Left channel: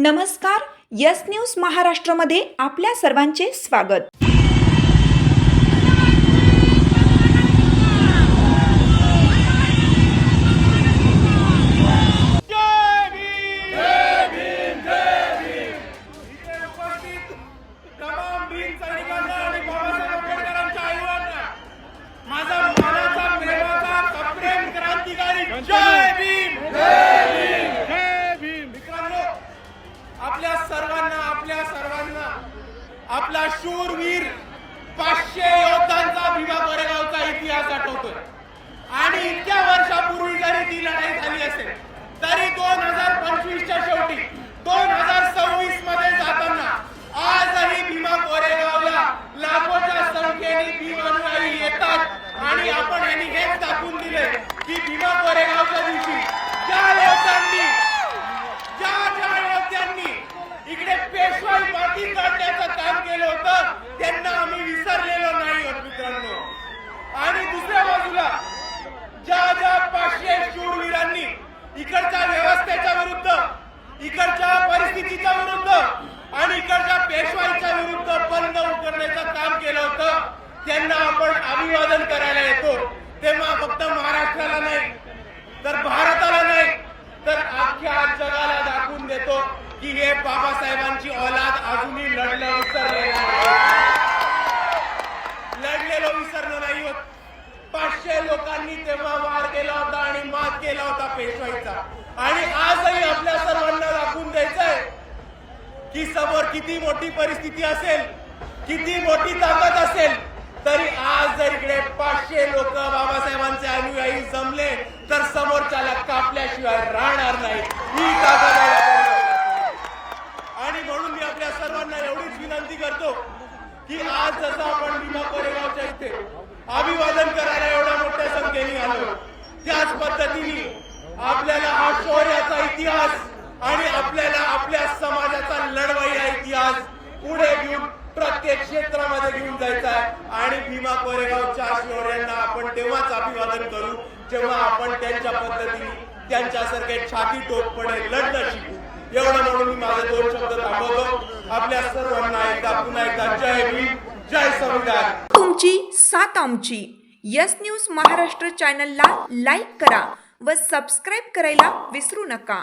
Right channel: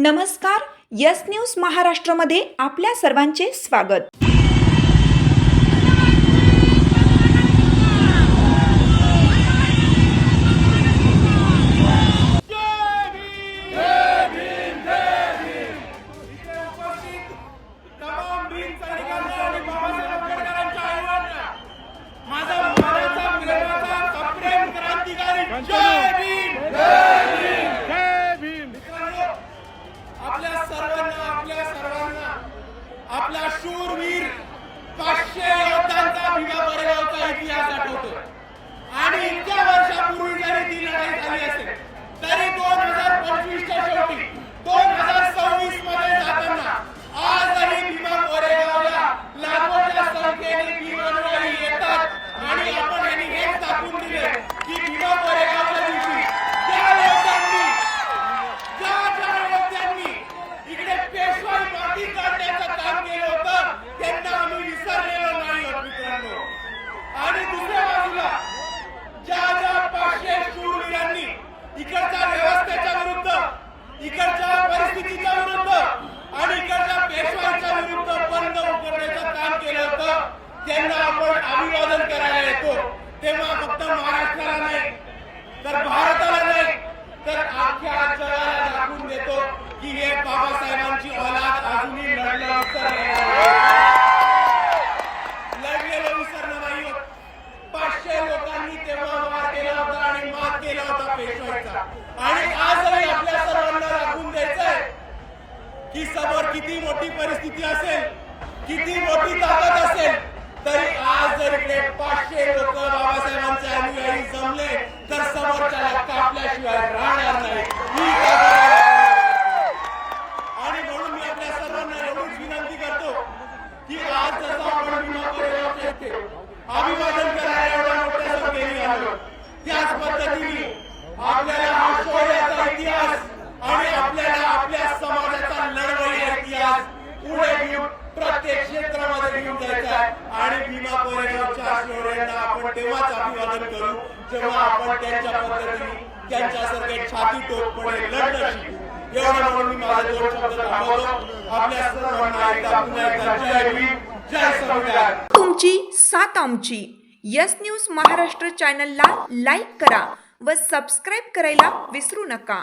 नमस्कार, yes news महाराष्ट्रामध्ये आपल्या सर्वांचे स्वागत। आपला शूरवीर 500 योद्धांचा भीमा कोरेगावचा इतिहास आठवतोय आणि इतक्या वर्षापूर्वी जरी ती लढाई झाली असेल तरी 2025च्या शेवटी 2026 मध्ये जाताना आजही भीमा कोरेगावला लाखोच्या संख्येने भीमानुयायी येतात आणि आपण यांनी हेच दाखवून दिले की भीमा कोरेगावच्या दिवशी ज्या इकडे पेशवाई माती काढण्याचं काम केलं होतं त्यांना आम्ही विसरलेलो नाही आहोत मित्रांनो। आणि दुसऱ्या बाजूला ज्या 500 शूरवीरांनी इकडच्या व्यवस्थेच्या विरुद्ध, इकडच्या परिस्थितीच्या विरुद्ध आणि इकडच्या पेशवाईच्या विरुद्ध बंद उघडण्याचं काम केलं होतं त्यांना आपण अभिवादन करायला येतो तेव्हा फक्त महाराष्ट्राला नाही तर भारताला नाही तर अख्ख्या जगाला दाखवून देतो की हे बाबासाहेबांची औलाद अजूनही लढलेलो विसरलं नाही होत। 500 लोकांनी तेव्हा वार केला होता आणि मात केला होता पेशवाईचा आणि आजही आपल्या सर्वांना दाखवून द्यायचंय की समोर किती मोठी परिस्थिती असेल, किती मोठी ताकद असेल तरी आज जर इकडे 500 लोक बाबासाहेबांचे अनुयायी जमले तर समोरच्याला कापल्याशिवाय राहणार नाही ही ताकद आहे। आणि म्हणून मी आपल्या सर्वांना एवढीच विनंती करतो की आज जसं आपण भीमा कोरेगावच्या इथे अभिवादन करायला एवढ्या मोठ्या संख्येने आलो त्याच पद्धतीने आपल्याला हा शौर्याचा इतिहास आणि आपल्याला आपल्या समाजाचा लढवय्या इतिहास पुढे घेऊन प्रत्येक क्षेत्रामध्ये घेऊन जायचा आहे आणि भीमा कोरेगावच्या शौर्यांना आपण तेव्हाच अभिवादन करू जेव्हा आपण त्यांच्या पद्धतीने त्यांच्यासारखे छाती टोकपणे लढणं शिकू। एवढं म्हणून मी माझे 2 शब्द थांबवतो। आपल्या सर्वांना पुन्हा एकदा जय भीम, जय संविधान। तुमची साथ आमची। यस न्यूज महाराष्ट्र चॅनलला लाईक करा व सबस्क्राईब करायला विसरू नका।